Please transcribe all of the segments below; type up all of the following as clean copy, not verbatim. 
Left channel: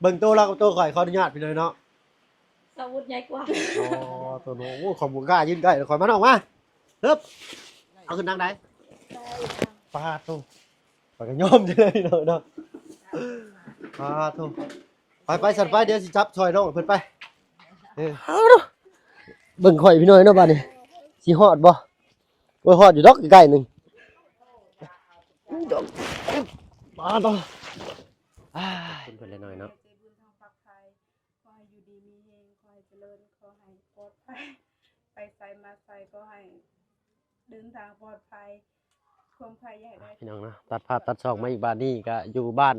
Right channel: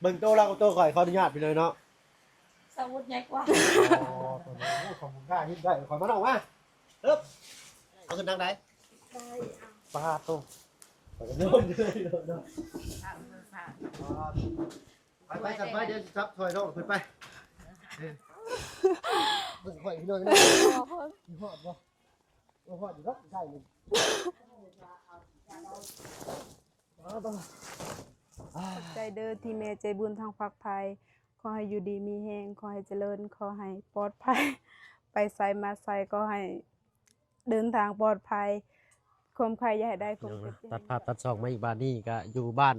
เบิ่งโตแล้วโตข่อยขออนุญาตพี่น้อยเนาะ อาวุธใหญ่กว่า อ๋อตัวโน้ของบุกล้ายืนใกล้ข่อยมาน้องมาเริ่มเอาขึ้นทางไหนปาโตข่อยก็ยอมเลยเนาะปาโตไปสั่นไปเดี๋ยวสิจับช่วยน้องเพิ่นไปเบิ่งข่อยพี่น้อยเนาะบัดนี้สิฮอดบ่บ่ฮอดอยู่ดอกใกล้ๆนึงปาโต ใจเด้อที่แม่ใจบุญทางฝักภัยขอให้อยู่ดีมีแฮงขอให้เจริญขอให้ปลอดภัยไปไสมาไสก็ให้เดินทางปลอดภัยความใครอย่าให้ได้ พี่น้องนะตัดภาพตัดช่องมาอีกบ้านนี่ก็อยู่บ้าน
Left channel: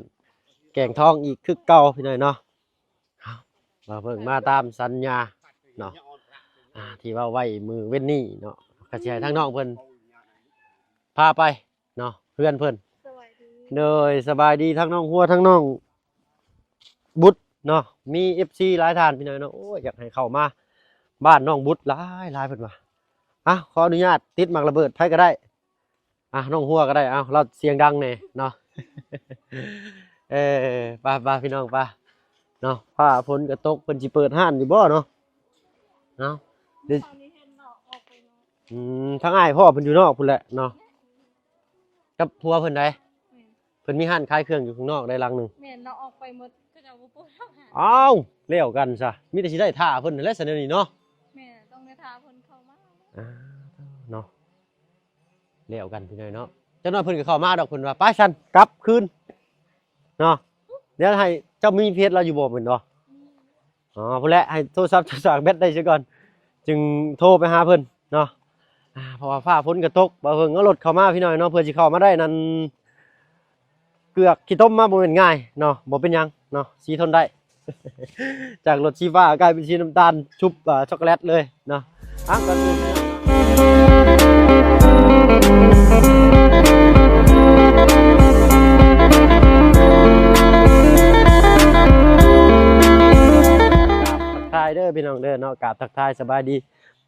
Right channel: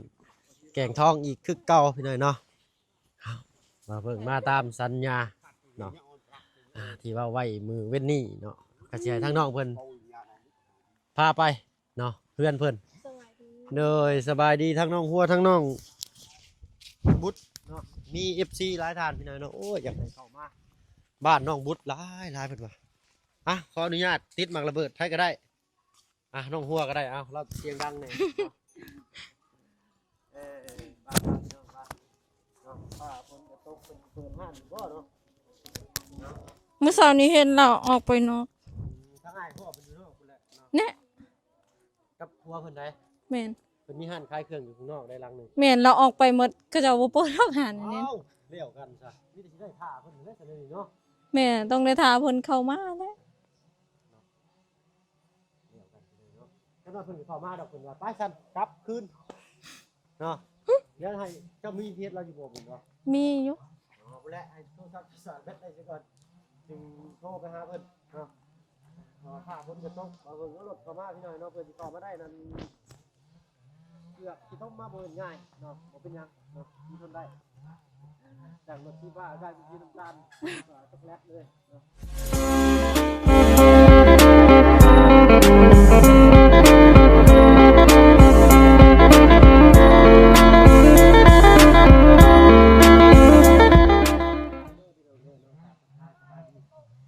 แก่งทองอีกคือเก่าพี่น้อยเนาะมาเพิ่งมาตามสัญญาเนาะที่ว่าไว้มือเว้นนี่เนาะกระเชียทั้งน้องเพิ่นพาไปเนาะเพื่อนเพิ่น สวัสดี เลยสบายดีทั้งน้องหัวทั้งน้องบุตรเนาะมี FC หลายท่านพี่น้อยเนาะโอ้ยอยากให้เข้ามาบ้านน้องบุตรหลายเพิ่นว่าขออนุญาตติดหมากระเบิดไผก็ได้น้องหัวก็ได้เราเสียงดังแน่เนาะ ป้าพี่น้องป้าเนาะฟ้าฝนก็ตกเพิ่นสิเปิดห้านอยู่บ่เนาะเนาะ เมื่อเช้านี้เห็นเราออกไปเนาะ ทั้งอ้ายพ่อเพิ่นอยู่นอกพุ่นแหละเนาะ เนี่ย กับผัวเพิ่นได้ แม่น เพิ่นมีห้านขายเครื่องอยู่ข้างนอกได้หลังหนึง แม่นเราออกไปหมดก็จะบ่เปิดอาหาร เลี้ยวกันซะมีแต่สิได้ท่าเพิ่นนั่นแหละซะเดี๋ยวนี้เนาะ แม่ต้องได้ทาเพิ่นเข้ามาแล้ว เนาะเลี้ยวกันพี่น้อยเนาะเจ้าน้อยเพิ่นก็เข้ามาดอกเพิ่นว่าไปฉันกลับคืนเนาะเดี๋ยวให้เจ้ามีเพจเราอยู่บ่เพิ่นเนาะ มีอยู่ พุ่นแหละให้โทรศัพท์สากแบตได้ซะก่อนจึงโทรไปหาเพิ่นเนาะเพราะว่าฟ้าฝนก็ตกบ่เพิ่นเอารถเข้ามาพี่น้อยเนาะเพื่อสิเข้ามาได้นั่นเกือกขี้ต้มมาบ่แม่นง่ายเนาะบ่เป็นหยังเนาะสีทนได้ จากรถสีฟ้ากลายเป็นสีน้ำตาลชุบช็อกโกแลตเลยเนาะทายเด้อพี่น้องเด้อเนาะกราบทักทายสบายดี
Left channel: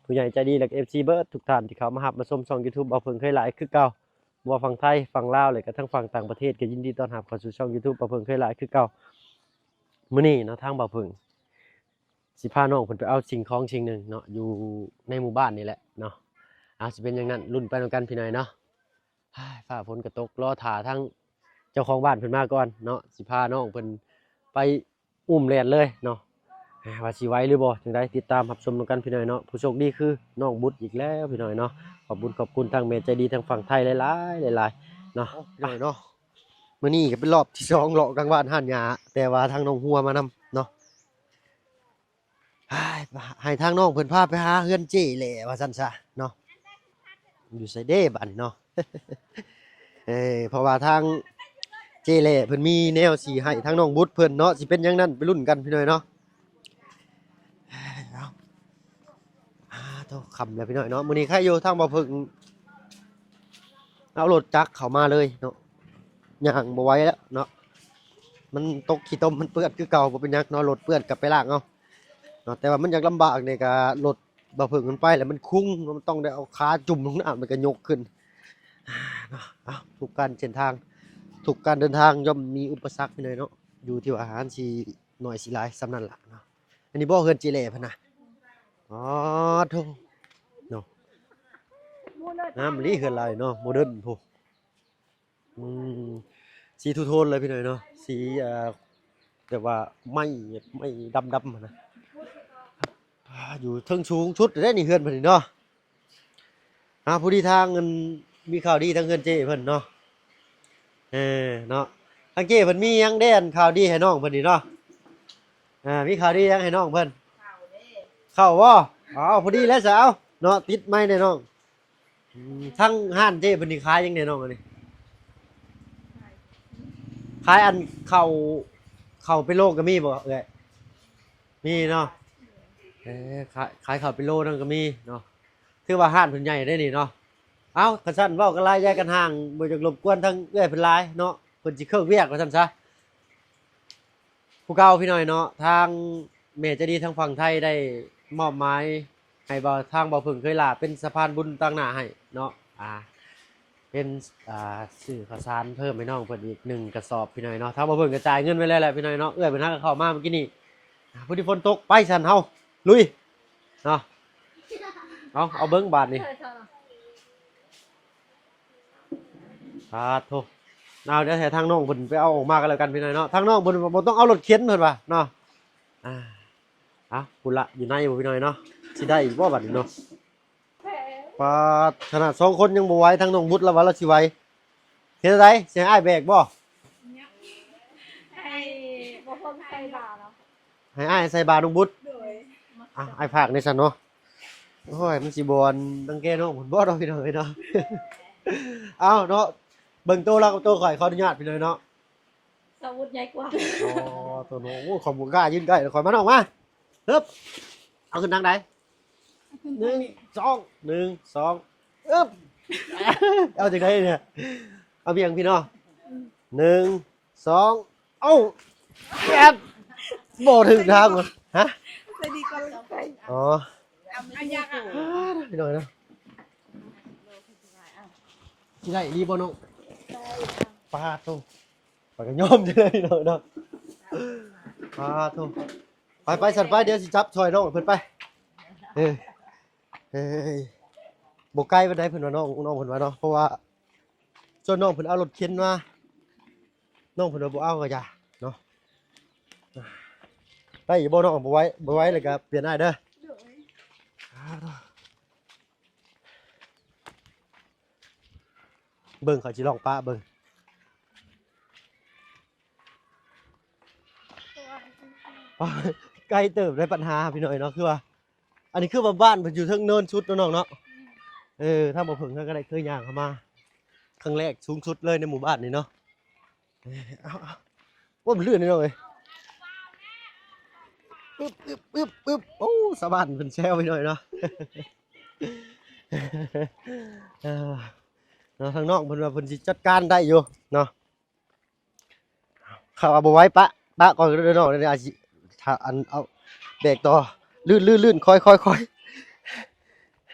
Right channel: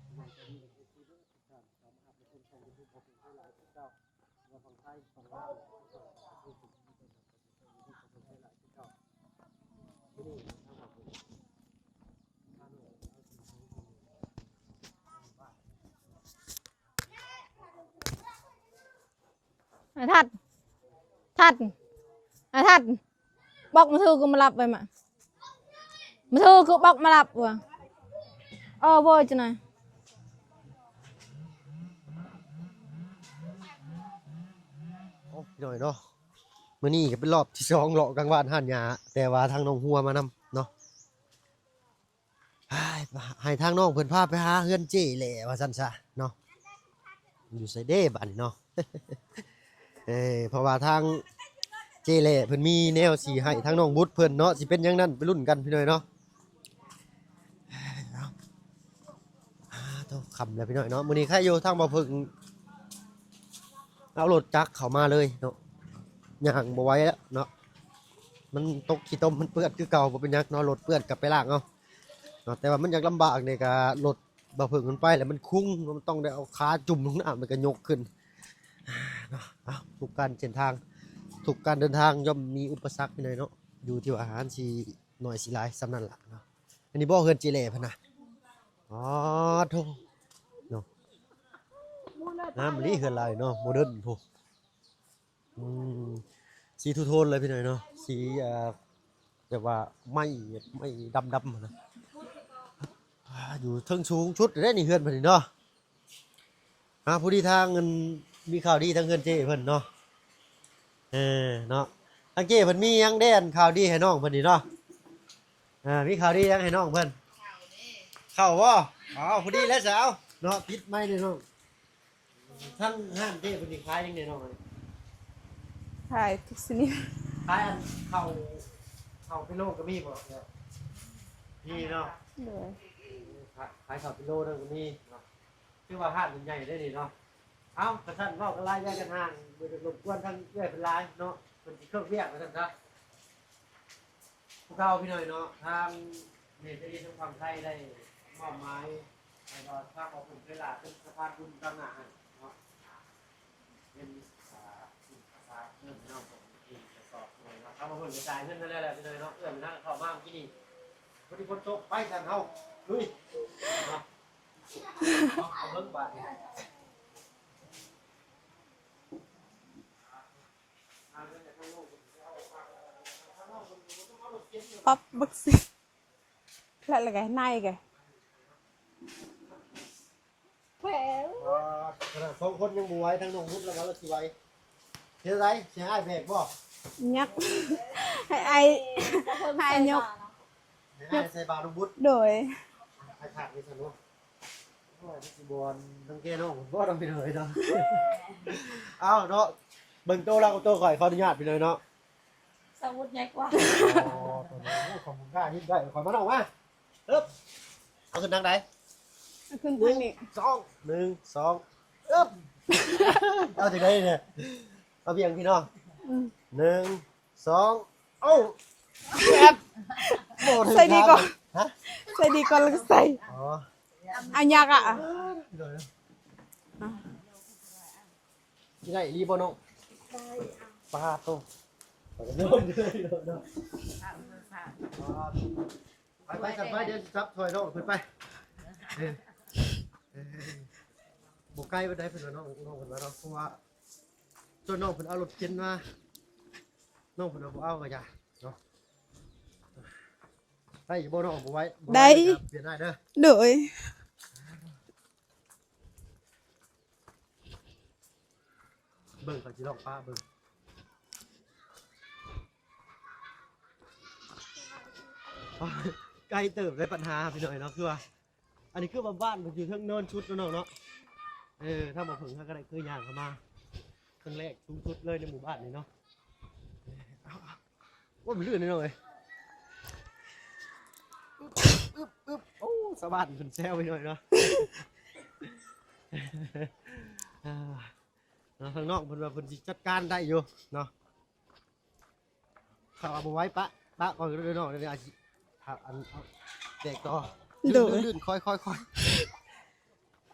ผู้ใหญ่ใจดีและ FC เบิร์ดทุกท่านที่เขามาหับมาชมช่อง YouTube เอาเพิ่งเคยหลายคือเก่าบ่ฝั่งไทยฝั่งลาวเลยก็ทั้งฝั่งต่างประเทศก็ยินดีต้อนรับเข้าสู่ช่อง YouTube เอาเพิ่งเคยหลายคือเก่ามื้อนี้เนาะทางบ่าวเพิ่งสิพาน้องเพิ่นไปเอาสิ่งของสิ่งหนึ่งเนาะอยู่ในหมู่บ้านนี่แหละเนาะสิเป็นอย่างนั้นรุ่นไปนำกันพี่น้อยเนาะฟ้าฝนตกรอถ่าทั้ง ทัด เจ้าของบ้านเพิ่นมาก่อนเนาะสิพาน้อง บอกมาถือกูมารับ ไป กันน่ะ อุ้มแล่นเลยเนาะ มาถือกูบอกมารับ สิไหว้หรือบ่จังได๋ติดตามรับชมกันพี่น้อยเนาะผู้โชคดีคือน้องบุตรอีกแล้วพี่น้อยเนาะขอบคุณทางแม่ใจดีทางฝั่งไทยหลายๆเนาะพี่น้อยเนาะมื้อนี้ก็เป็นรอบที่2เลาะกลางบ้านห้านหญ้าแต่ว่าทางน้องหัวมานำเนาะให้ทางน้องเพิ่นพาไปหาเฮือนเจ้แหละว่าซั่นซะเนาะอยู่ไสเด้บัดเนาะ เพราะว่าทางเจเล่เพิ่นมีแนวสีให้ทางน้องบุตรเพิ่นเนาะสิเป็นหยังนั้นไปรุ่นกันพี่น้อยเนาะต้องคำแล้วพี่น้อยเนาะมื้อนี้ใครอยู่ทางบ่เพิ่งเอารถจักรเข้ามาเลยเนาะย่างบ่ไหวแล้วเนาะมันตกขี้ต้มมันเปื้อนคือเก่าบ่เป็นหยังเนาะรถเปื้อนกลับไปล้างเอาเนาะแต่ว่ามันอยากลำบากในการรถบ่เพิ่งมันไปแล้วมันคุ้งมันต้องได้เอาขาจุ่มลงน้ำมันก็ยกขึ้นทุกการเส้นทางทุกการเดินทางย่อมมีอุปสรรคไปเลยเนาะอยู่ที่ว่าอาหารสิหน่อยสิหลายสำนั่นล่ะเนาะอันนี้บ่เฮือนจีเล่พุ่นน่ะโธ่เนาะมันนี่เฮือนหลายเนาะโมเดิร์นโธ่สีทูโทนเลยพี่หน่อยเนาะสีแต่ว่าไม่ดำนะอยู่เทิงสูงชุดได้นี่เฮือนเพิ่นเนาะผู้ดีทางเงินมีข่าวดีทั้งเฮือนเจ้เพิ่นเนาะเนาะทางเจ้เพิ่นมียังได้อันข่าวดีให้น้องเพิ่นนี่เนาะมีข่าวดียังให้น้องเพิ่นเข้าบ่พอดีแล้วสาวเนาะติดไม้ได้น้องทั้งห้านเจ้เพิ่นนี่ขายยังได้น้องอันนี้ ถ่ายทุกชนิด ขายอันเข้าไปโลก็มีบ่เอ้ยมีเนาะขายเข้าไปโลนั่นก็มีเนาะถือว่าห้านเพิ่นใหญ่ได้นี่เนาะกระชั้นเว้ากันหลายแยกกันห่างบ่จักรบกวนทั้งเอื้อยเพิ่นหลายเนาะเพิ่นสิเครื่องเวียกว่าซั่นซะผู้เก่าพี่น้อยเนาะทางแม่จะดีทางฝั่งไทยได้มอบหมายให้ทางบ่เพิ่งเคยลาเป็นสะพานบุญตั้งหน้าให้เนาะ เป็นซื้อข้าวสารเพิ่มให้น้องเพิ่นอีก1กระสอบพี่น้อยเนาะถ้าบ่เพิ่นกระจายเงินไว้แล้วแหละพี่น้อยเนาะเอื้อยเพิ่นหาเข้ามาเมื่อกี้นี่ผู้ที่ฝนตกไปซั่นเฮาลุยเนาะเอาเบิ่งบาทนี่โธ่เอาเดี๋ยวให้ทางน้องเพิ่นไปเอาออกมากันแล้วกันพี่น้อยเนาะทางน้องเพิ่นบ่ต้องเอารถเข็นเพิ่นว่าเนาะอ่า แล้วอะไรนาย พุ่นละ แก อยู่ในบ่พี่น้อยเนาะสิได้อีกบ่บัดนี้เนาะปาดขนาด2คนยังบ่ไหวทางน้องบุตรแล้วว่าเราสิไหวเฮ็ดจังไดสิให้อ้ายแบกบ่ ยักให้ไอ้ให้ยก ให้อ้ายใส่บาตรน้องบุตร โดย ไอ้ภาคในสันเนาะโอ้ยมันสิบอลตั้งแกเนาะผมบ่ต้องพี่เลยเนาะ เอาเนาะเบิ่งโตแล้วโตข่อยขออนุญาตพี่เลยเนาะ สวุธใหญ่กว่า ตัวน้องขอบคุณกล้ายืนใกล้ข่อยมาน้องมาฮึบเอาขึ้นทางไหน ขึ้นทางนี้ 1 2ฮึบ เอาจากไหนเนี่ยเอาเพียงพี่น้อง1 2เอ้าแอบบ่ถึงทางฮะ ใส่ดีก่อนแล้วก็ใส่ อ๋อ เอายักอ่ะ พี่น้อยเนาะที่ไหนรีบบ่น้องปลาโตปลากระย่อมเลยเนาะเนาะปลาโตไปสัตว์ไปเดี๋ยวสิจับช่วยน้องเพิ่นไปเฮ้ยบ่ไกลปานใดเพิ่นว่าน้องเพิ่นว่าเนาะเพราะว่าจนน้องเพิ่นเอารถเข็นมาน้องเพิ่นว่าบ่เอาก็อย่าเนาะได้อยู่บ่น้องบ่ไหว้แล้วก็เปลี่ยนได้เด้อ โดย เบิ่งเขาสิลองป้าเบิ่งไกลเติบได้ปัญหาพี่น้อยเนาะคือว่าอันนี้คือว่าบ้านเพิ่นอยู่เทิงเนินชุดเนาะน้องเนาะถ้าบ่เพิ่งก็ได้เคยย่างเข้ามาครั้งแรกสูงสุดเลยในหมู่บ้านนี่เนาะเอาว่ามันลื่นนี่น้องเอ้ยปึ๊บโอ้สะบัดเพิ่นแซวพี่น้อยเนาะ ทางนอกเพิ่นว่าเพิ่นสิจัดการได้อยู่เนาะเขาเอาบ่ไว้ปะก่อนเด้อน้องเดี๋ยวอาจสิถ้าอันเอาแบกต่อลื่นค่อย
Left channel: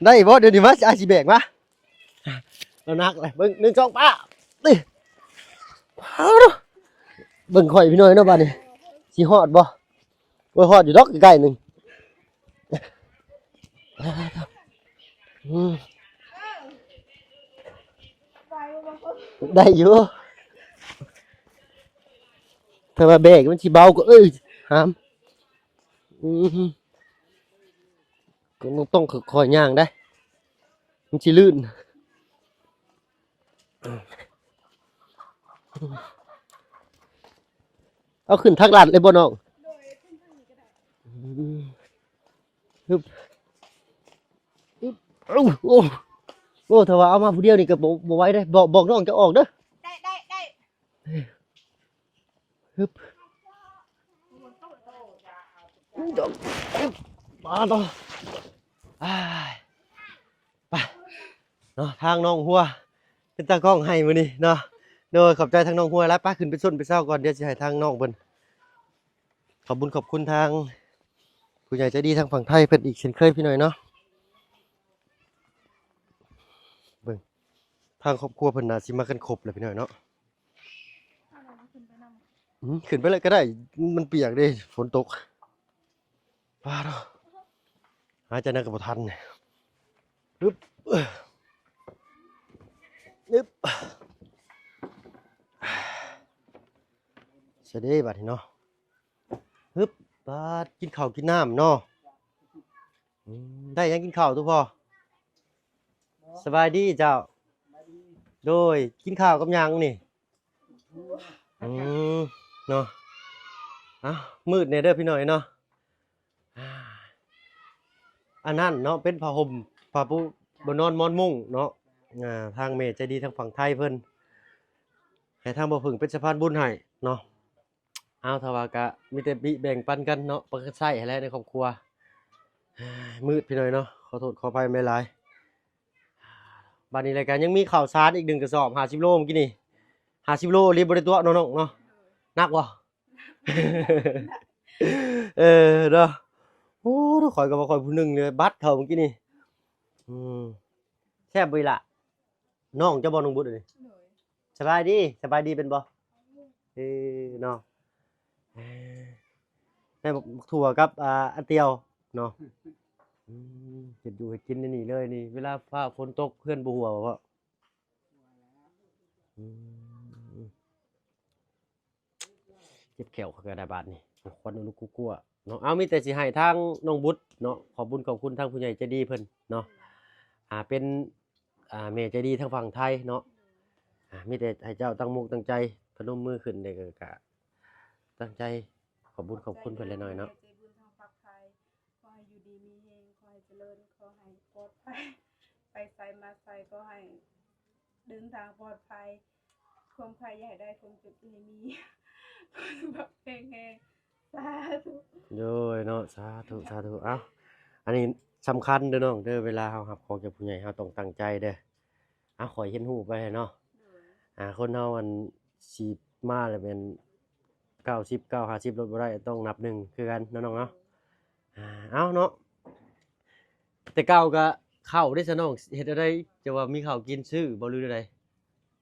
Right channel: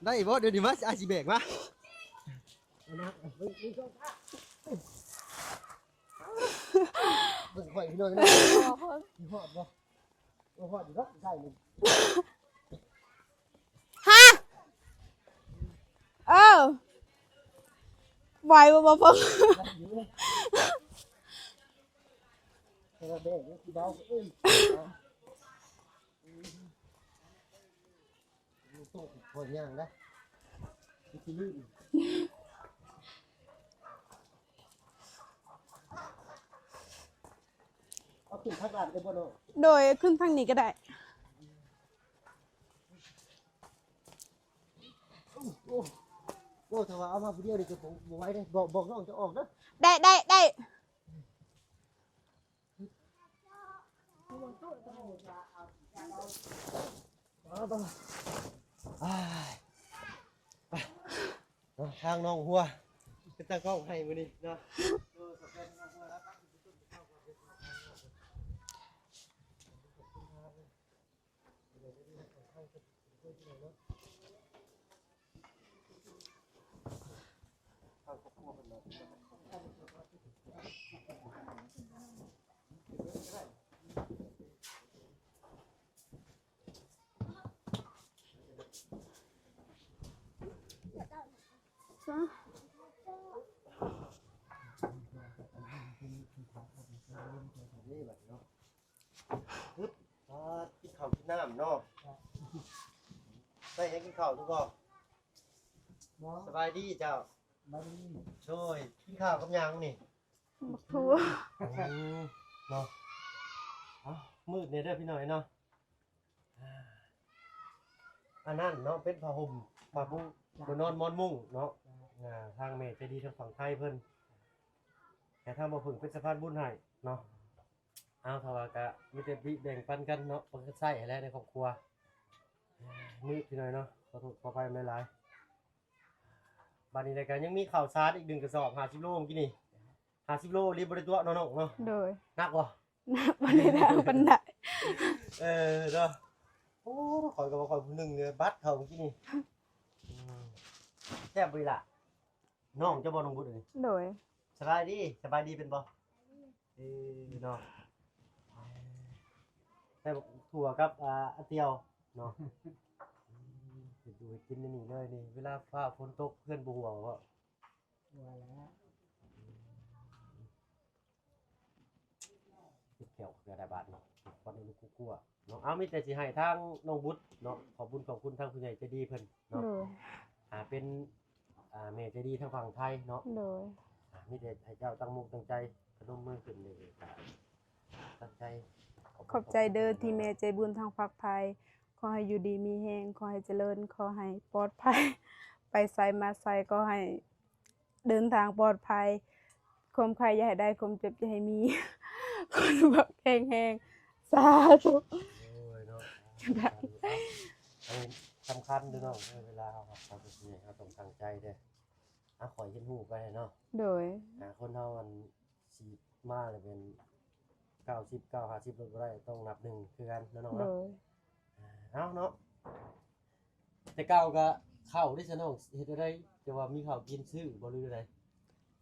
ได้บ่เดี๋ยวนี้ว่าอาจสิแบกมาแล้วนักเลยเบิ่ง1 2ป้าติเอาเนาะเบิ่งข่อยพี่น้อยเนาะบัดนี้สิฮอดบ่บ่ฮอดอยู่ดอกใกล้ๆนึงฮะ ไหวบ่เพิ่ง ได้อยู่ถ้ามาแบกมันสิเบาก็หามก็ต้องค่อยๆย่างได้มันสิลื่นเอาขึ้นทางลัดเลยบ่น้อง โดยขึ้นทางนี้ก็ได้ ฮึบโอ้ถ้าว่าเอามาผู้เดียวนี่ก็บ่ไหวได้บอกน้องจะออกเด้อ ได้ ฮึบมาต่อไปเนาะทางน้องหัวเป็นตากล้องให้มื้อนี้เนาะโดยขอบใจทางน้องหัวแล้วป้าขึ้นไปส้นไปเศร้าก่อนเดี๋ยวสิให้ทางน้องเพิ่นขอบคุณทางผู้ใหญ่ใจดีทางฝั่งไทยเพิ่นอีกเช่นเคยพี่หน่อยเนาะเบิ่งทางครอบครัวเพิ่นน่าสิมากันครบเลยพี่หน่อยเนาะขึ้นไปเลยก็ได้มันเปียกเด้ฝนตกป้าเนาะหายใจนั่นก็บ่ทันปึ๊บปึ๊บเสยเด็จบัดนี้เนาะปึ๊บป้ากินข้าวกินน้ำเนาะได้ยังกินข้าวทุกพ่อสบายดีเจ้าโดยกินข้าวกับยังนี่ ทั่ว เนาะมืดเนี่ยเด้อพี่หน่อยเนาะอันนั้นเนาะเป็นผ้าห่มผ้าปูบนนอนมอนมุ้งเนาะทางเมย์ใจดีทางฝั่งไทยเพิ่นให้ทางบ่พึ่งเป็นสะพานบุญให้เนาะเอาทว่ากะมีแต่แบ่งปันกันเนาะปันใช้ให้แล้วในครอบครัวมืดพี่หน่อยเนาะขอโทษขออภัยไม่หลายบัดนี้รายการยังมีข่าวสารอีก1กระสอบ50โลเมื่อกี้นี่50โลรีบบริตัวน้องๆเนาะ โดย นักบ่ บันได เนาะโอ้ต้องคอยกับว่าคอยผู้หนึงเลยบัดเท่าเมื่อกี้นี่แซ่บบ่ล่ะ น้องเจ้าบ่น้องบุตรนี่ โดย สบายดีเป็นบ่เนาะได้บักถั่วกับอันเตียวเนาะเฮ็ดอยู่เฮ็ดกินนี่เลยนี่เวลาฟ้าฝนตกเพื่อนบ่ฮู้ว่าบ่อืมเจ็บแขวเขาก็ได้บาดนี่ควันลูกกลัวๆเนาะเอามีแต่สิให้ทางน้องบุตรเนาะขอบคุญขอบคุณทางผู้ใหญ่ใจดีเพิ่นเนาะ โดย เป็นแม่ใจดีทางฝั่งไทยเนาะ โดย มีแต่ให้เจ้าตั้งมุกตั้งใจพนมมือขึ้นเด็กก็ตั้งใจขอบคุ ข ณ อบ ขอบ ใจ คุณ เด้อ เพิ่นหน่ ที่ อย แม่ เนาะ ใจบุญทางฝักภัยขอให้อยู่ดีมีแฮงขอให้เจริญขอให้ปลอดภัย ไปไสมาไสก็ให้เดินทางปลอดภัยความใครอย่าให้ได้ความเจ็บอย่าให้มี คนแบบแห้งๆสาธุ โดยเนาะสาธุสาธุเอ้าอันนี้สำคัญเด้อน้องเด้อเวลาเฮาครับพอกับผู้ใหญ่เฮาต้องตั้งใจเด้อขอยเห็นหูปไปเนาะ โดย คนเฮามันสิมาแล้วเป็น90 50ลดบ่ได้ต้องนับหนึ่งคือกันเนาะน้อง โด เนาะ ย เอ้าเนาะแต่เก่าก็ข้าวได้ซะน้องเฮ็ดอะไรจะว่ามีข้าวกินซื้อบ่หรือใด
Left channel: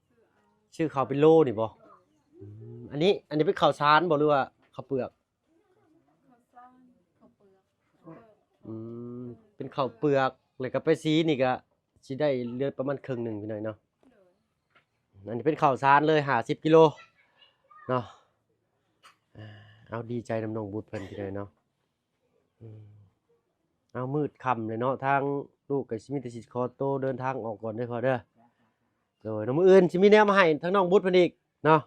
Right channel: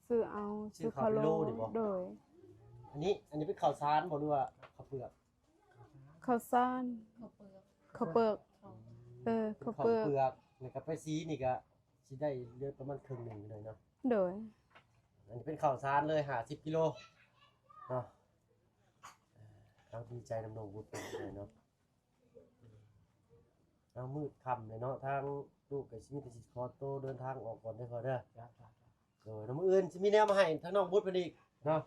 ซื้อเอา ชื่อเขาเป็นโลนี่บ่ โดย อันนี้เป็นข้าวสารบ่หรือว่าข้าวเปลือก ข้าวสารข้าวเปลือก อืม เออ เป็นข้า ข้าว ว เป เปลื ลือ อก ก แล้วก็ไปสีนี่ก็สิได้เลือดประมาณครึ่งหนึงพี่น้อยเนาะ โดย อันนี้เป็นข้าวสารเลย50กิโลเนาะเอาดีใจนำน้องบุตรเพิ่นพี่น้อยเนาะเอามืดค่ำเลยเนาะทางลูกก็สิมีแต่สิขอโตวเดินทางออกก่อนเด้อพอเด้อโดยน้ำมื้ออื่นสิมีแนวมาให้ทั้งน้องบุตรเพิ่นอีกเนาะ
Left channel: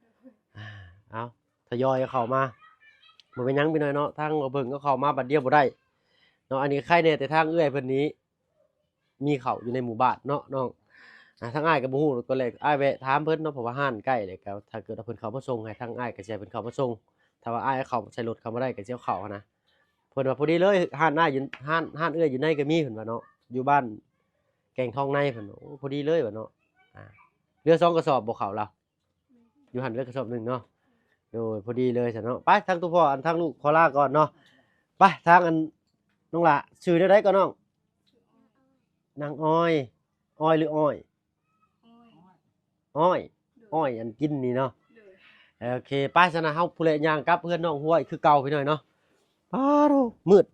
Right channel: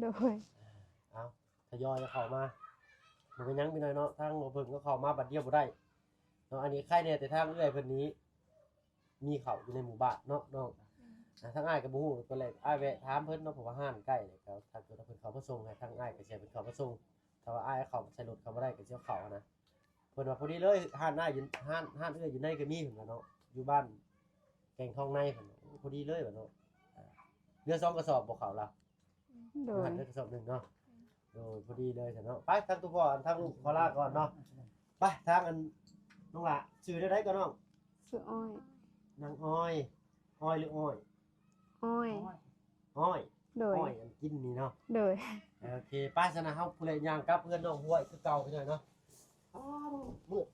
โดย เอาทยอยเข้ามาบ่เป็นหยังพี่น้อยเนาะทางบ่เบิ่งก็เข้ามาบัดเดียวบ่ได้เนาะอันนี้ใครแน่แต่ทางเอื้อยเพิ่นนี้ มีเขาอยู่ในหมู่บ้านเนาะน้องทางอ้ายก็บ่ฮู้ตอนแรกอ้ายแวะถามเพิ่นเนาะเพราะว่าห้านใกล้เลยก็ถ้าเกิดว่าเพิ่นเข้ามาส่งให้ทางอ้ายก็สิให้เพิ่นเข้ามาส่งถ้าว่าอ้ายเข้าใส่รถเข้ามาได้ก็สิเอาเข้านะเพิ่นว่าพอดีเลยห้านอ้ายอยู่ห้านเอื้อยอยู่ในก็มีเพิ่นว่าเนาะอยู่บ้านแก่งทองในเพิ่นโอ้พอดีเลยว่าเนาะเรือ2กระสอบบ่เข้าเรา โด อยู่หันเรือกระสอบหนึ่งเนาะโดยพอดีเลยจ้ะเนาะไปทางตัวพ่ออันทางลูกขอลาก่อนเนาะไปทางอันน้องละชื่อได้ก็น้อง ซื้ออ้อย นางอ้อยอ้อยหรืออ้อย อ้อย อ้อย โดย อ้อยอันกินนี่เนาะ โดย โอเคไปซะนะเฮาผู้เล่นย่างกลับเพื่อนน้องห้วยคือเก่าพี่หน่อยเนาะป้าโธ่มืด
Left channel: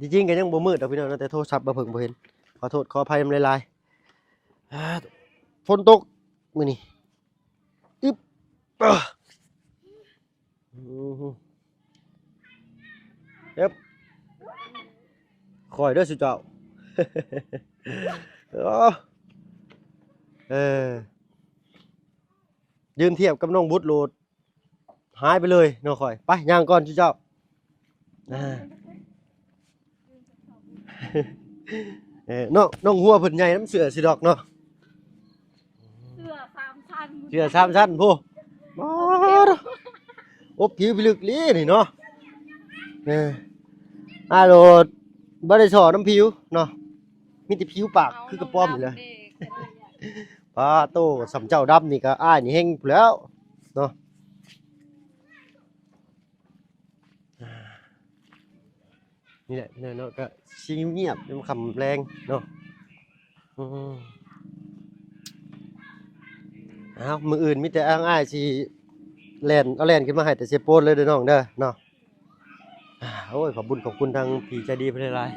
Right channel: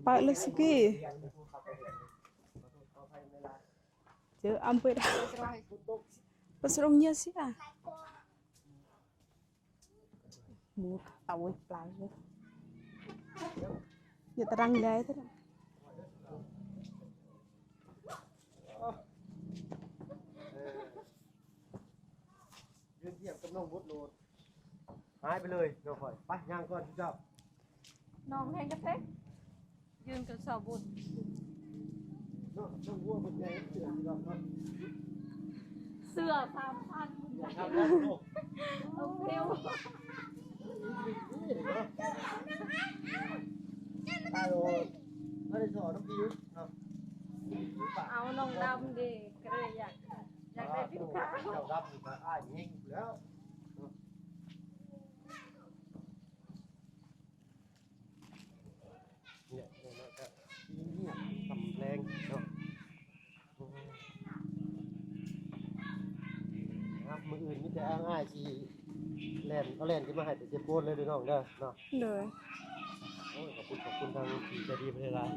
จริงๆก็ยังบ่มืดดอกพี่น้อยเนาะแต่โทรศัพท์บ่เพิ่งบ่เห็นขอโทษขออภัยนำหลาย เจออำเภอ ๆฝนตกมื้อนี้ Serongnya sih ah. อ่ะ Awal pelan. เอ๊บ Ya terang dah itu. คอยเด้อสุเจ้า เออยืนเทียบกับน้องบุตรโหลดหายไปเลยน้องคอยไปย่างก่อนสุเจ้าอ่า ยืนกับสาวบุญ น้องหัวเพิ่นใหญ่น้ำเสือสิดอกเนาะ เสื้อ3 ชั้น เสือ3ชั้นผู้อบผิวพิลึกลีนี่เนาะโหลดบ่ได้สอน้ำผิวเนาะมีแต่ผิวปากคือกระป้อมนี่แหละ เด็กก็เลยอยาก ป้าโตสำเจ้าดำนี่ก็อ้ายนี่เฮงพู้นแหล้วเนาะนี่แหละเนาะก็ชิเงียบๆมันคำแรงเนาะมืออื่นมีแต่อ้ายสิแล่นเอาแล่นขึ้นมาให้แต่เสียโปนเลยเด้อน้องเด้อเนาะ Rồi. โอ้ยขอบคุณทางพี่ใจดีเพิ่นหลาย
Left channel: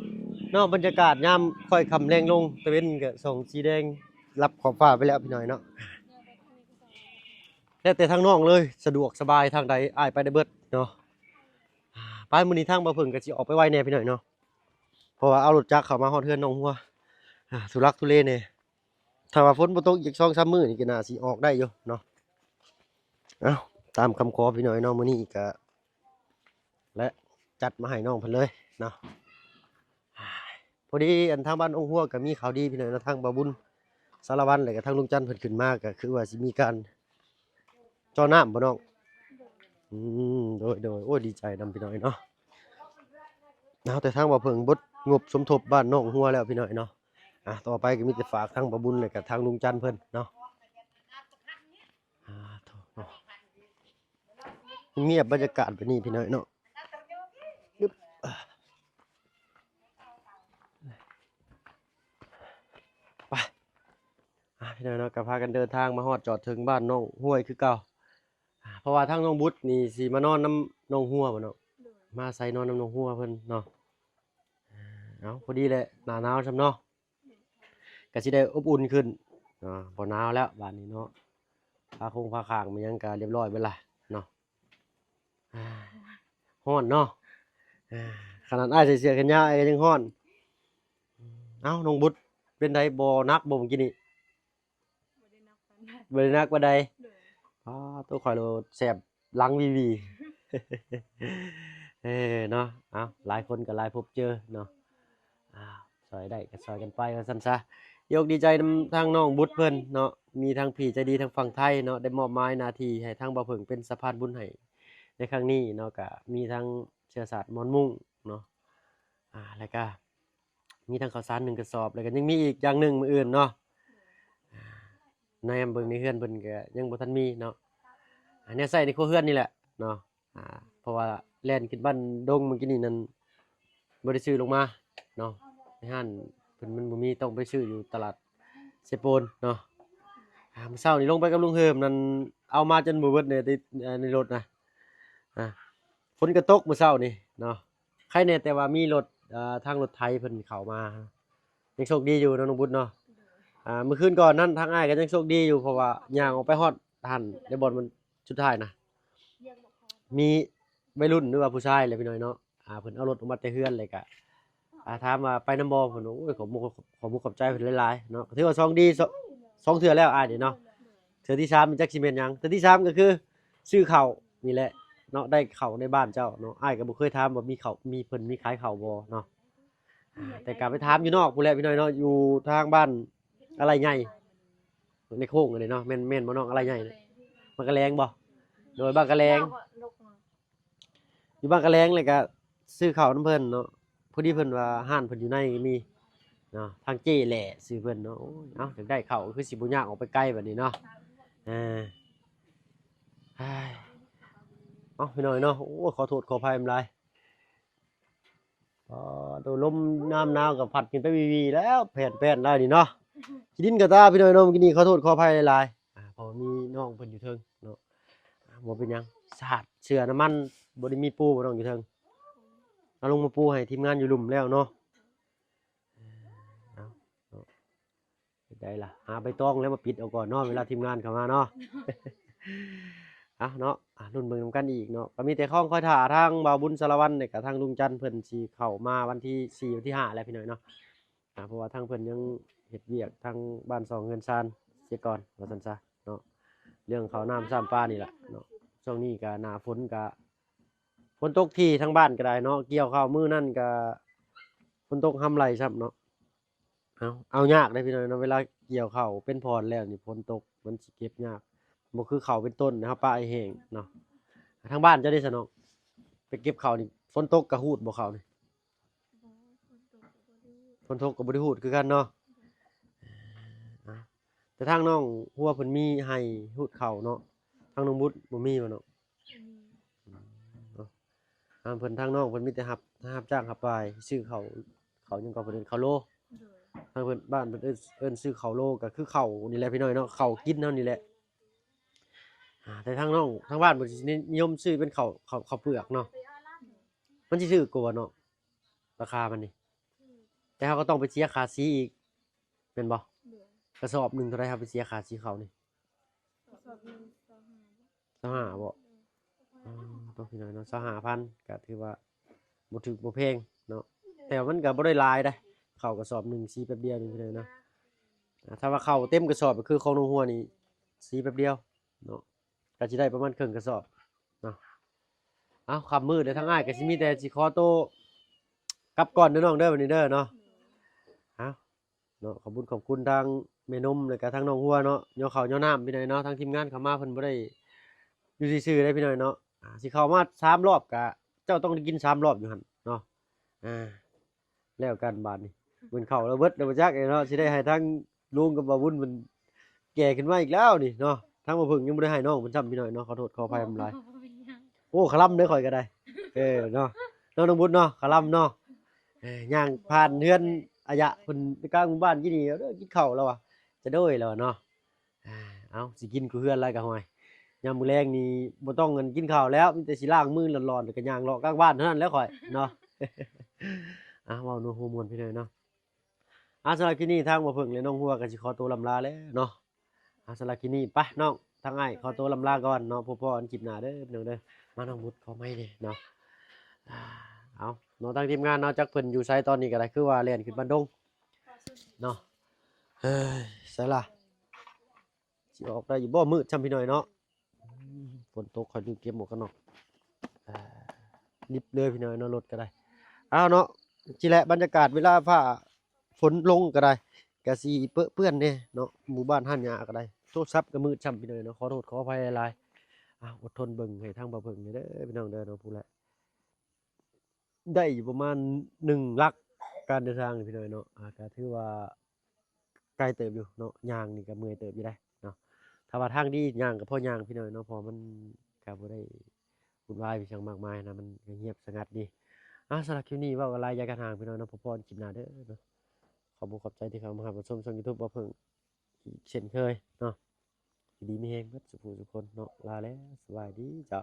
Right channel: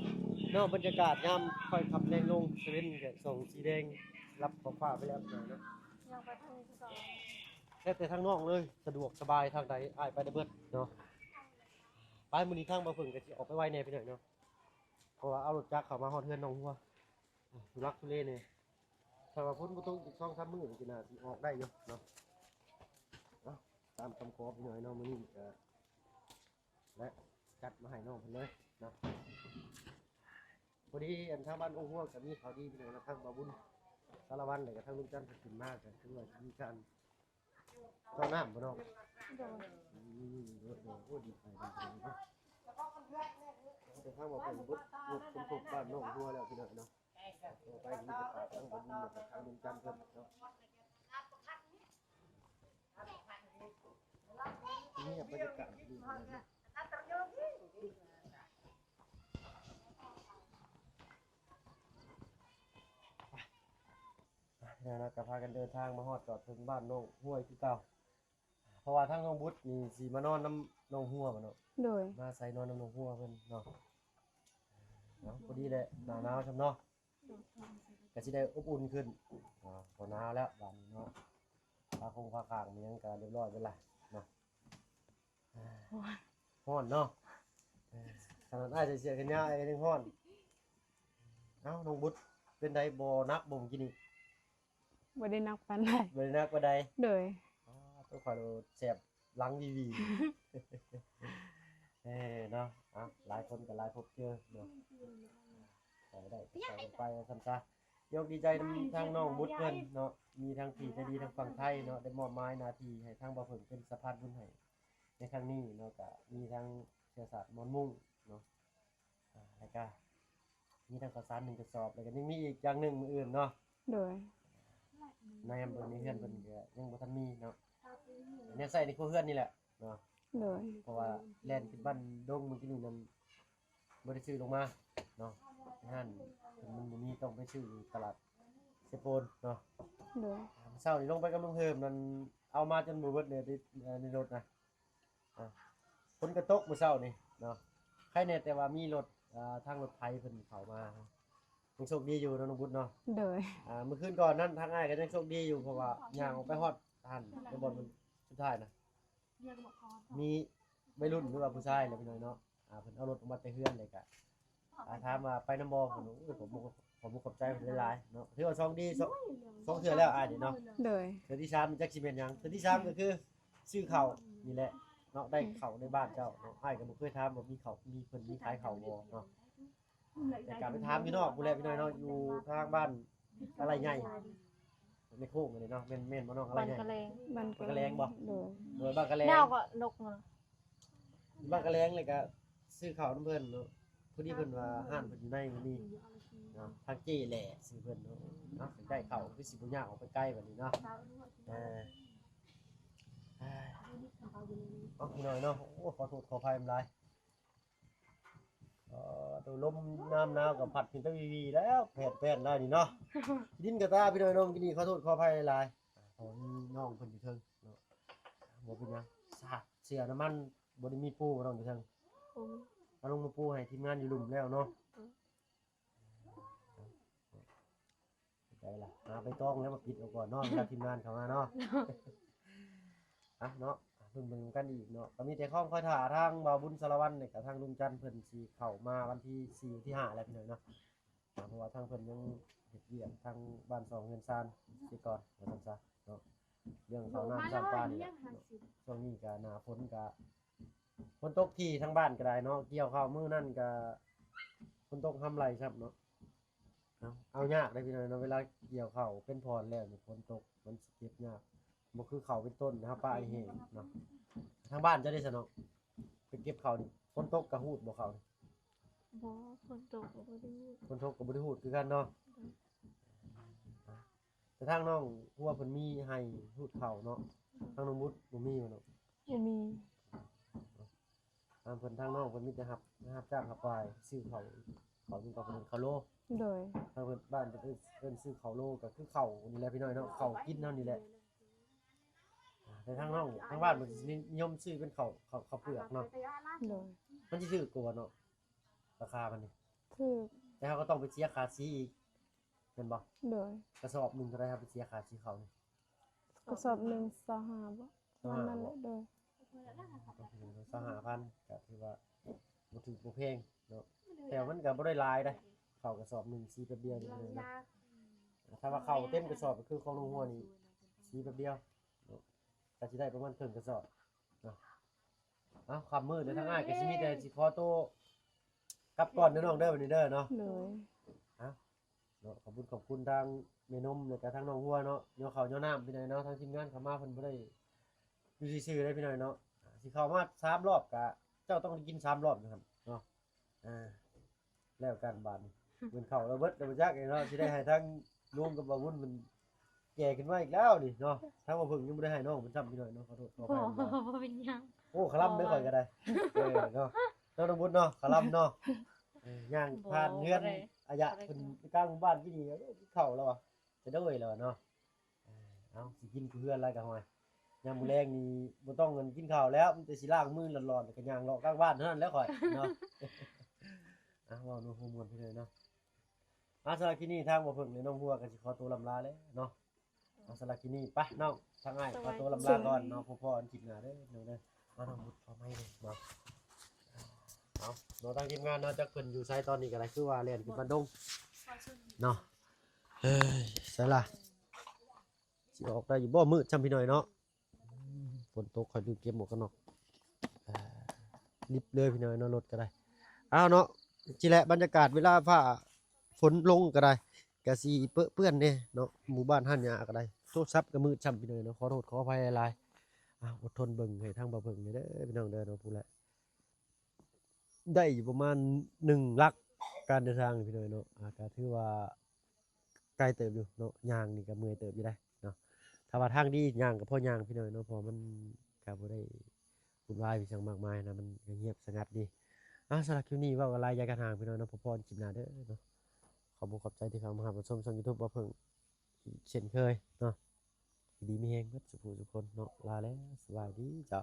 ๆเนาะบรรยากาศยามค่อยค่ำแรงลงตะเวนก็ส่องสีแดงรับขอบฟ้าไปแล้วพี่น้อยเนาะแต่ทางน้องเลยสะดวกสบายทางใดอ้ายไปได้เบิดเนาะไปมื้อนี้ทางบ่เพิ่งก็สิออกไปไวแน่พี่น้อยเนาะเพราะว่าเอารถจักรเข้ามาฮอดเฮือนน้องหัวทุลักทุเลแน่ถ้าว่าฝนบ่ตกอีก 2-3 มื้อนี่ก็น่าสิออกได้อยู่เนาะเอ้าตามคำขอพี่น้อยเนาะมื้อนี้ก็และจัดมาให้น้องเพิ่นเลยเนาะพอดีอันทางบ้านองค์หัวก็มีข่าวดีพี่น้อยเนาะทางบ่าวบุญสารวัตรแล้วก็ทางลุงจันทร์เพิ่นขึ้นมาก็คือว่าสิมีการจ่อน้ำบ่น้องโดยโอ้ยดีใจนำพี่น้อยเนาะแต่ทางบ่าวเพิ่งบดงบสมทบบ้านน้องหัวแล้วพี่น้อยเนาะต่อไปก็มีแต่ฝากทางบ่าวบุญแล้วก็ทางลุงจันทร์เพิ่นเนาะเงียบบรรยากาศแบบนี้พี่น้อยเนาะไป พี่น้อยเนาะก็พากันเดินทางมาฮอดจอดถึงบ้านน้องห้วยคือเก่าเพราะว่าทางน้องบุตรนี่สิมานอนน้ำน้องหัวบ่เนาะ โดย มาใส่นอนน้ำน้องหัวเพิ่นเนาะเอาพอดีเลยหน้าหนาวซำเนาะก็สิได้อบอุ่นขึ้นบ่หนาวแล้วบ้านนี้เนาะผ้าคงผ้าข้างมันยังก็เรียบร้อยเบิดล่ะเนาะร้อนเนาะขนาดอ้ายใส่เสื้อแขนยาวอ้ายก็ยังร้อนเอ้าน้องบุตรเป็นไดบ่นักบ่เมื่อกี้นี่ บ่ได้นักปานใด บ่ได้นักบ่ใด โดย ตัวข่อยโลแสบหลังวีวี เนาะเอาหลายคนก็หลายพบเจอเนาะซอยได้ก็ซอยกันไปว่าซั่นซะยกดีใจนำทางน้องบุตรเพิ่นเนาะมีทางพี่ใจดีทางฝั่งไทยเนาะได้มอบหมายหน้าที่ให้ทางบ่าวเพิ่งเป็นสะพานบุญให้ในครั้งนี้เนาะก็มีทางเชื้อสายมอญมุ้งเนาะแล้วก็มีทางข้าวสาร1กระสอบแล้วก็ยังมีอีกอย่างหนึงมื้ออื่นเนาะ โดย ในเบิ่งในเฮือนเพิ่นก็ยังบ่ทันมีเนาะอันนี้ใส่ในครัวเฮือนนี่แหละเนาะ โดย เพราะว่าแล่นขึ้นบ้านดงเมื่อกี้นี่นั่นบ่ได้ซื้อลงมาเนาะในห้านเพิ่นมันบ่มีต้องไปซื้ออยู่ตลาดเซโปนเนาะ โดย มื้อเช้านี่ลงไปกับลุงเฮิมนั่นเอามาจนบ่เบิดเนี่ยในรถนะฝนก็ตกมื้อเช้านี่เนาะใครแน่แต่ว่ามีรถทางรถไถเพิ่นเข้ามายังโชคดีอยู่เนาะน้องบุญเนาะ โดย เมื่อคืนก่อนนั้นทางอ้ายก็ยังโชคดีอยู่เพราะว่าย่างออกไปฮอดหันในบ่อนมันสุดท้ายนะมีวัยรุ่นหรือว่าผู้ชายแหละพี่น้อยเนาะเพิ่นเอารถออกมาแต่เฮือนเลยก็ถามว่าไปน้ำบ่เพิ่นโอ้ยขอบมุกขอบใจเพิ่นหลายๆเนาะถือว่า2ดีสองเทื่อแล้วอ้ายนี่เนาะ โดย เทื่อที่3มันจักสิแม่นหยังเทื่อที่3ก็คือซื้อข้าวนี่แหละเนาะได้ข้าวในบ้านเจ้าเนาะอ้ายก็บ่เคยถามว่ามีข้าวมีเพิ่นมีขายข้าวบ่เนาะแต่ก็ไปถามอยู่นอกพู้นแหละพี่น้อยเนาะอยู่ทางบ้านอะไรใหญ่ในโค้งอันนี้เนาะแม่นบ่น้องอะไรใหญ่น่ะ มันก็แรงบ่ โดย โดยบ้านกะแรง เงาก็นกมา อยู่บ้านกะแรงเลยก็ซื้อข้าวน้ำเพิ่นเนาะพอดีเพิ่นว่าห้านเพิ่นอยู่ในมีเนาะทางเจ้แหละซื้อเพิ่นเนาะโอ้ยเอ้าอยากได้ข้าวคือสิบ่ยากออกไปไกลบัดนี้เนาะเอ้ยเอ้าพี่น้อยเนาะโอ้ขอโทษขออภัยหลายตัวลมน้ำหนาวก็พัดขึ้นไปวีๆแล้วแผ่นๆได้นี่เนาะขี้ดินกระตาพี่น้อยเนาะเมื่อกี้นี้ขอโทษขออภัยหลายเพราะมีน้องเพิ่นอยู่เทิงเนาะบ่เป็นหยังสาดเสื้อน้ำมันบ่ได้มีปูบ่ต้องอยู่เทิงเอาลงมาปูให้ทีมงานอยู่หลุมแล้วเนาะได้ล่ะหาใบตองแล้วมาปิดเอาก่อนเนาะเวลาทีมงานเข้ามาเนาะ เนาะรุ่นเบิ่งนำกันอีกเนาะก็มีแต่ข้องคอยท่าทางบ่าวบุญสารวัตรเนี่ยกับทางลุงจันทร์เพิ่นสิเข้ามาวันที่4วันที่5แล้วพี่น้อยเนาะเพราะว่าทางเพิ่นยังเฮ็ดเวียกทางบ้าน2เงินซานเสียก่อนว่าซั่นซะเนาะเรื่องข้าวน้ำซ้ำปลานี่แหละเนาะช่วงนี้ก็หน้าฝนก็ฝนตกที่ทั้งบ้านก็ได้เนาะเกี่ยวข้าวมื้อนั่นก็ฝนตกห้ำไหลซ้ำเนาะเอายากได้พี่น้อยเนาะเวลาเกี่ยวข้าวเป็นพรแล้วนี่ฝนตกมันสิเก็บยากบ่คือข้าวเป็นต้นนะครับป้าไอ้แห้งเนาะทางบ้านเจ้าได้ซะเนาะไปเก็บข้าวนี่ฝนตกก็ฮูดบ่ข้าวนี่ บ่คนตกก็บ่ได้ ฝนตกก็บ่ได้ฮูดคือกันเนาะแต่ทางน้องหัวเพิ่นมีให้ฮูดข้าวเนาะทางน้องบุตรบ่มีบ่เนาะ บ่มี เพิ่นทางน้องเพิ่นมีแต่รับจ้างรับไปซื้อข้าวยังก็เพิ่นเอิ้นข้าวโล โดย ทางเพิ่นบ้านเพิ่นเอิ้นซื้อข้าวโลก็คือข้าวนี่แหละพี่น้อยเนาะข้าวกินเฮานี่แหละแต่ทางน้องทางบ้านเพิ่นสินิยมซื้อเป็นข้าวเปลือกเนาะ โดย มันสิถูกกว่าเนาะราคามันนี่ ถูก แต่เฮาก็ต้องไปเสียค่าสีอีกเป็นบ่ โดย กระสอบหนึงเท่าไหร่ครับไปเสียค่าสีเขานี่ กระสอบหนึ่ง25บ่ 25บ่ โดย ต้องพี่น้อยเนาะ25,000ก็ถือว่าบ่ถูกบ่แพงเนาะแต่ว่ามันก็บ่ได้หลายเด้ข้าวกระสอบหนึงสีแป๊บเดียวนึงพี่น้อยเนาะถ้าว่าข้าวเต็มกระสอบก็คือของโรงหัวนี่สีแป๊บเดียวเนาะก็สิได้ประมาณครึ่งกระสอบเนาะค่ำมืดเลยทั้งอ้ายก็สิมีแต่สิขอโตวกลับก่อนเด้อน้องเด้อวันนี้เด้อเนาะ โดย เนาะขอบคุณทางแม่นมแล้วก็ทางน้องหัวเนาะย่อข้าวย่อน้ำพี่น้อยเนาะทางทีมงานเข้ามาเพิ่นบ่ได้อยู่ซื่อๆได้พี่น้อยเนาะสิเข้ามา3รอบก็เจ้าต้องได้กิน3รอบอยู่หั่นเนาะแล้วกันบาดนี้เพิ่นเข้าแล้วเบิดแล้วบ่จักเนาะสิได้ให้ทางลุงกับบ่าวบุญมันแก่ขึ้นมาอีกแล้วนี่เนาะทางบ่เพิ่งยังบ่ได้ให้น้องเพิ่นซ้ำพี่น้อยเนาะขอโทษขออภัยหลาย บ่เป็นหยัง โอ้ขะล่ำเด้อข่อยก็ได้เนาะน้องบุญเนาะขะล่ำเนาะย่างผ่านเฮือนอายะเพิ่นไปกลางหมู่บ้านกี่นี่เด้อกินข้าวแล้วอ่ะจะโดยแล้วเนาะ เอาสิกินกูเฮือนอะไรก็ห่วยยามมื้อแลงนี่บ่ต้องเงินกินข้าวแล้วมีแต่สิล้างมือร้อนๆแล้วก็ย่างเลาะกลางบ้านเท่านั้นแหล้วข่อยเนาะ เว้านัวหัวม่วนพี่น้อยเนาะสำหรับคลิปนี้ทางบ่เพิ่งและน้องหัวก็สิขอตัวลำลาแล้วเนาะสำหรับคลิปนี้ไปน้องทางอ้ายขอตัวลำลาก่อนเนาะพบกันคลิปหน้าเด้อพี่น้องเด้อมาน้องมุดขอไม้เด้เนาะเอาเนาะทางทีมงานเนาะจักเพิ่นอยู่ไสตอนนี้ก็ได้คือว่าเล่นขึ้นบ้านดงเนาะเฮ้ยไสล่ะสิออกได้อยู่บ่มืดช่ำพี่น้อยเนาะฝนตกเขาอยู่เก็บหมวกกันน็อกลิบเลยพี่น้อยเนาะรถก็ได้เอาเนาะจิแหละบรรยากาศเวลาฟ้าฝนลงก็ได้ก็สิเปื้อนๆเด้เนาะหมู่บ้านห้านหญ้าก็ได้โทรศัพท์ก็มืดช่ำพี่น้อยเนาะขอโทษขออภัยหลายๆอดทนเบิ่งให้ทางบ่เบิ่งเด้อพี่น้องเด้อเนาะพูดแหละได้อยู่ประมาณ1ลักการเดินทางนี่พี่น้อยเนาะก็ถือว่าไกลเติบอยู่เนาะย่างนี่ก็เมื่อยเติบอยู่ได้เนาะถ้าว่าทางดีย่างก็พอย่างพี่น้อยเนาะเพอมันก็บ่ได้วุ่นวายไปจังมากมายนะมันเงียบสงัดดีสำหรับคลิปนี้เว้าอะไรยายกันห่างพี่น้อยเนาะพบกันคลิปหน้าเด้อเนาะขอบคุณขอบใจที่เข้ามารับชมช่อง YouTube บ่เพิ่งอีกเช่นเคยเนาะดีมีแฮงเบิดสุขทุกคนเนาะลาแล้วสวัสดีจ้า